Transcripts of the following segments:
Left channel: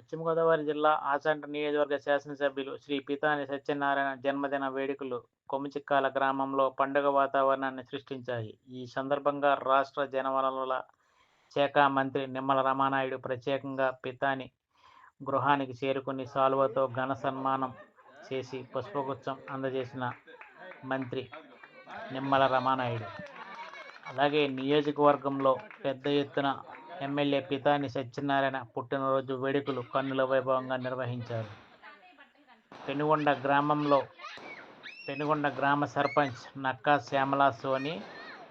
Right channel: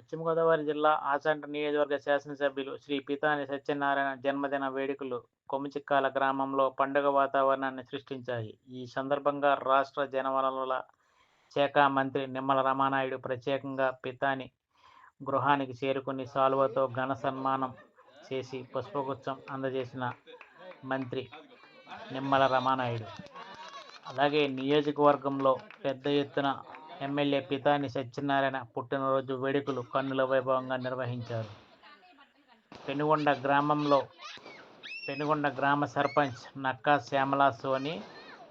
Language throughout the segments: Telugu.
పశ్చిమ గోదావరి జిల్లా ఆచంట నియోజకవర్గ శాసనసభ్యులు శ్రీ పితాని సత్యనారాయణ జన్మదిన వేడుకలు కొమ్మిచిక్కాల గ్రామంలో పండుగ వాతావరణాన్ని సృష్టించాయి. ఈ సందర్భంగా రాష్ట్ర జలవనరుల శాఖ మంత్రి నిమ్మల రామానాయుడు ప్రత్యేకంగా పితాని గృహానికి చేరుకుని శాలువాతో ఘన సన్మానం చేసి పుష్పగుచ్చం అందజేసిన మంత్రి నిమ్మల రామానాయుడు. అలాగే నియోజకవర్గంలో పెద్ద ఎత్తున ఎమ్మెల్యే పితాని సత్యనారాయణ పుట్టినరోజు వేడుకలు కన్నుల వైభవంగా నిర్వహించారు. పెనుగొండ గ్రామ సర్పంచ్ నక్కా శ్యామలా సోని,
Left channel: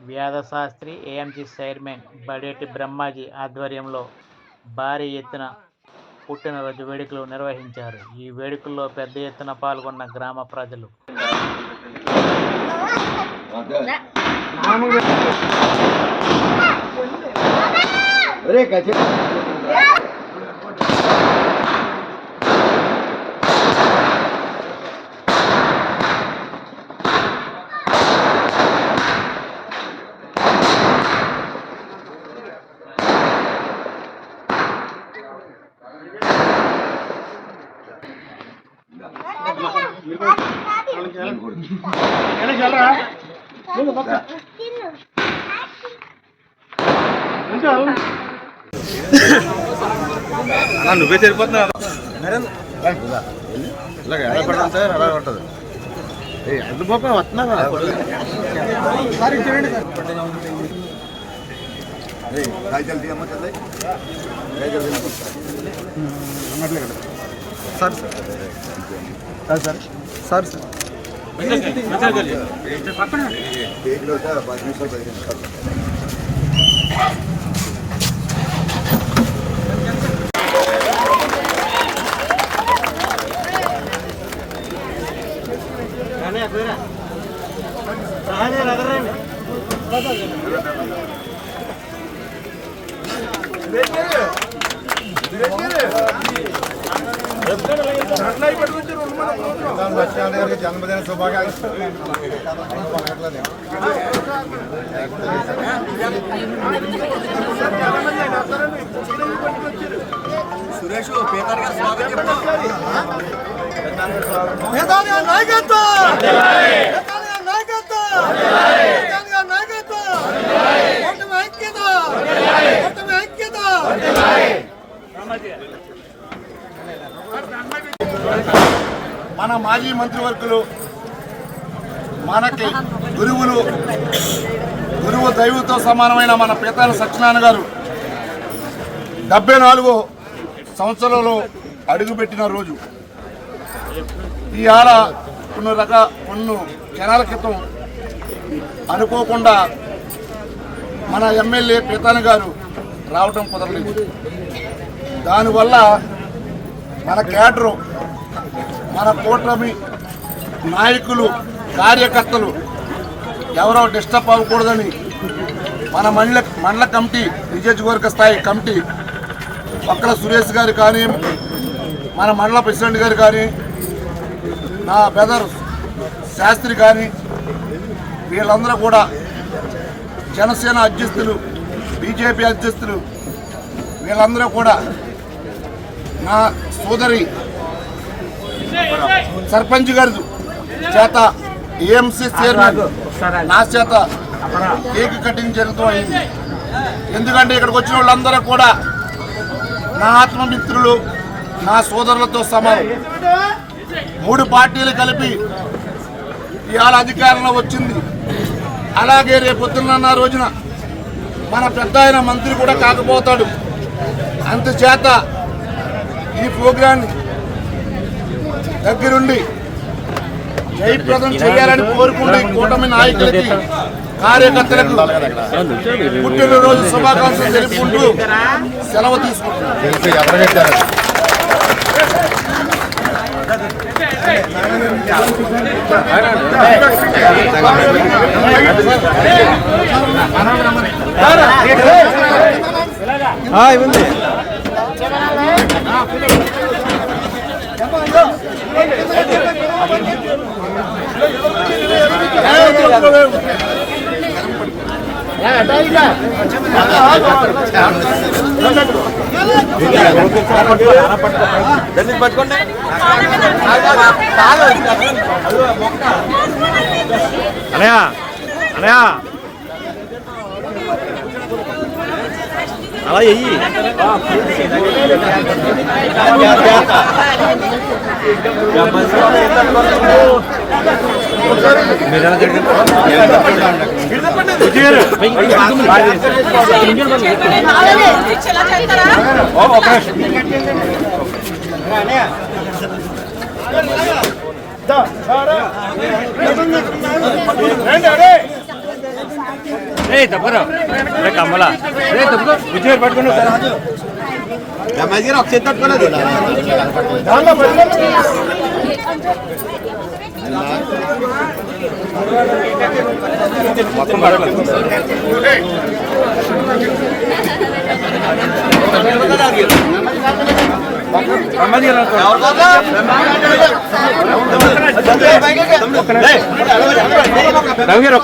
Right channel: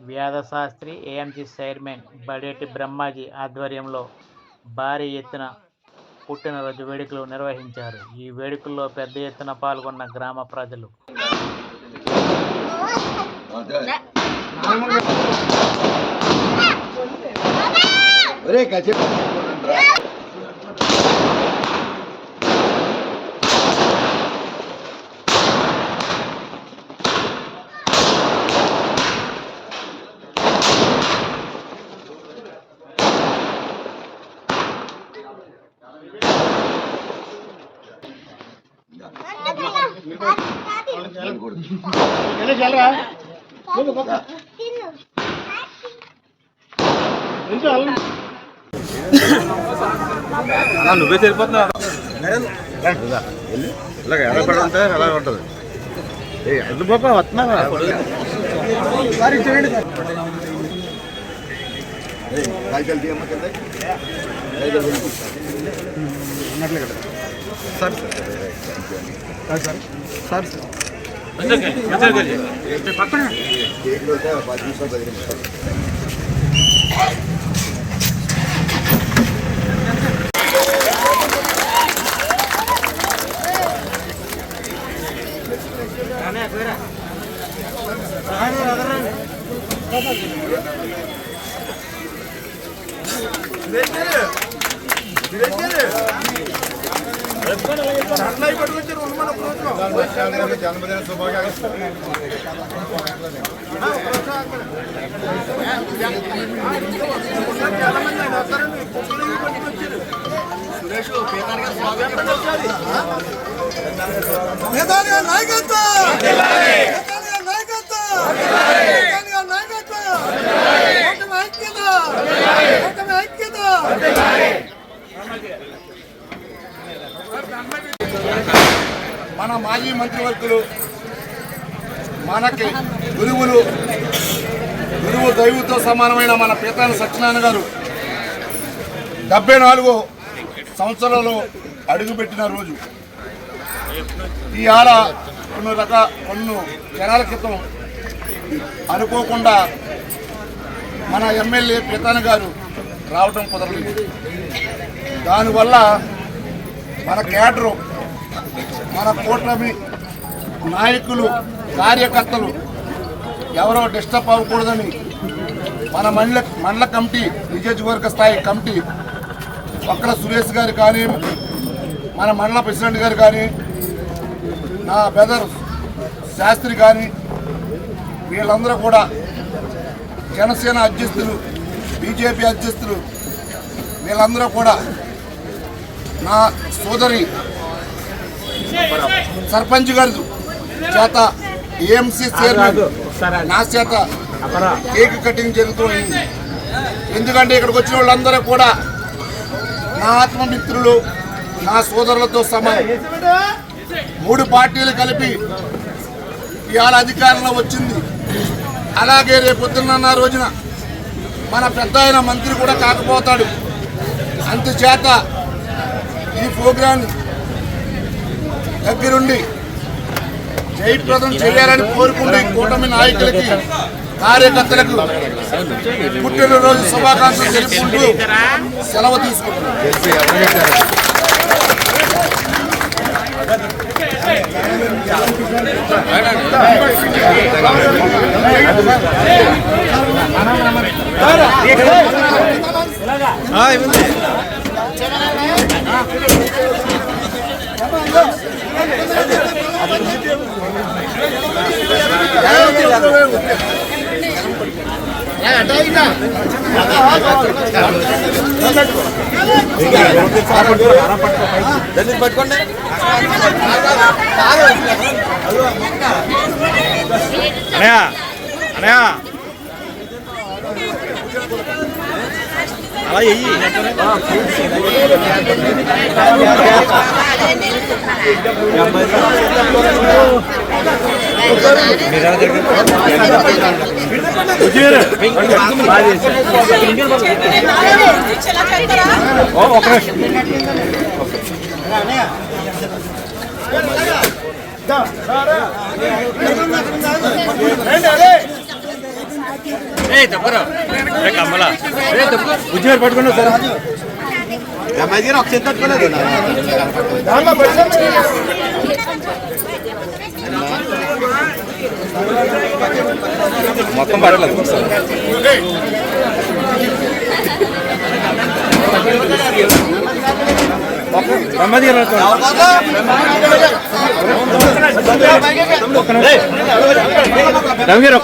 వ్యాధశాస్త్రి, ఏఎంసీ చైర్మన్ బడేటి బ్రహ్మాజీ ఆధ్వర్యంలో భారీ ఎత్తున పుట్టినరోజు వేడుకలు నిర్వహించారు. ఈ వేడుకల్లో పెద్ద ఎత్తున పాల్గొన్న గ్రామ ప్రజలు నువ్వే సరిపోతున్నా ఇలాగ ఎలా పడంటే అలా ఉంటుంది. అది బాబా వస్తున్నావా కాగితాలు తీయమ్మ కదా సార్ కేక్లో 10 నిమిషాలు 10 నిమిషాలు జన్మదిన శుభాకాంక్షలు. సురేష్ మన మాజీ మంత్రివర్గులు, మనకి గురువు దైవంతో సమానమైన మన పితాని సత్యనారాయణ గారు 74వ సంవత్సరంలో అడుగుపెట్టిన రోజు. ఈ ఆడ కొన్ని జనాల క్రితం అనుకోకుండా మన ఎమ్మెల్యే పితాని గారు రావటం కుదరలేదు. దానివల్ల మన కేడరు, మన కూటమి నాయకులు, కార్యకర్తలు ఎవరో డిస్టర్బ్ అవ్వకూడదని మన మండల కమిటీ, నియోజకవర్గ స్థాయి కమిటీ ఒక్కల సురేష్ గారు కానీ, మన మండల ప్రెసిడెంట్ గారు కానీ, నా బ్రదర్ శాస్త్రి కానీ, వీళ్ళందరూ కూడా జనసేన అధ్యక్షులు, బీజేపీ అధ్యక్షులు వీళ్ళందరూ కూడా నా సోదరి సర్పంచ్ గారి చేత, ఏఎంసీ చైర్మన్ నా చేత కేక్ కటింగ్ జరుగుతూ అయింది. ఎందుకంటే ఇక్కడికి వచ్చిన వాళ్ళందరూ కూడా నా ఆత్మమిత్రులు, నా సోదరులతో సమానం. 3 పార్టీలు కలిపి ఇవాళ అధికారంలో వచ్చింది. అలాగే రేపొద్దున్న రోజున మన పెద్ద ఆయన మంత్రి కూడా కాకపోతాడు. అందుచేత ఈ ప్రోగ్రాం దగ్గరుండి జయప్రదం చేయాలని కోరుకుంటూ కూటమి నాయకులకి, కార్యకర్తలకు పుట్టినరోజు శుభాకాంక్షలు తెలుపుకుంటూ సెలవు తీసుకుంటున్నాం. పట్టుకోండి అనయా అనయా అలా చెయ్యి కమలా పట్టుకోండి ఒక చేతి పట్టుకోలేదు మొత్తం పడలేదు రవి గారు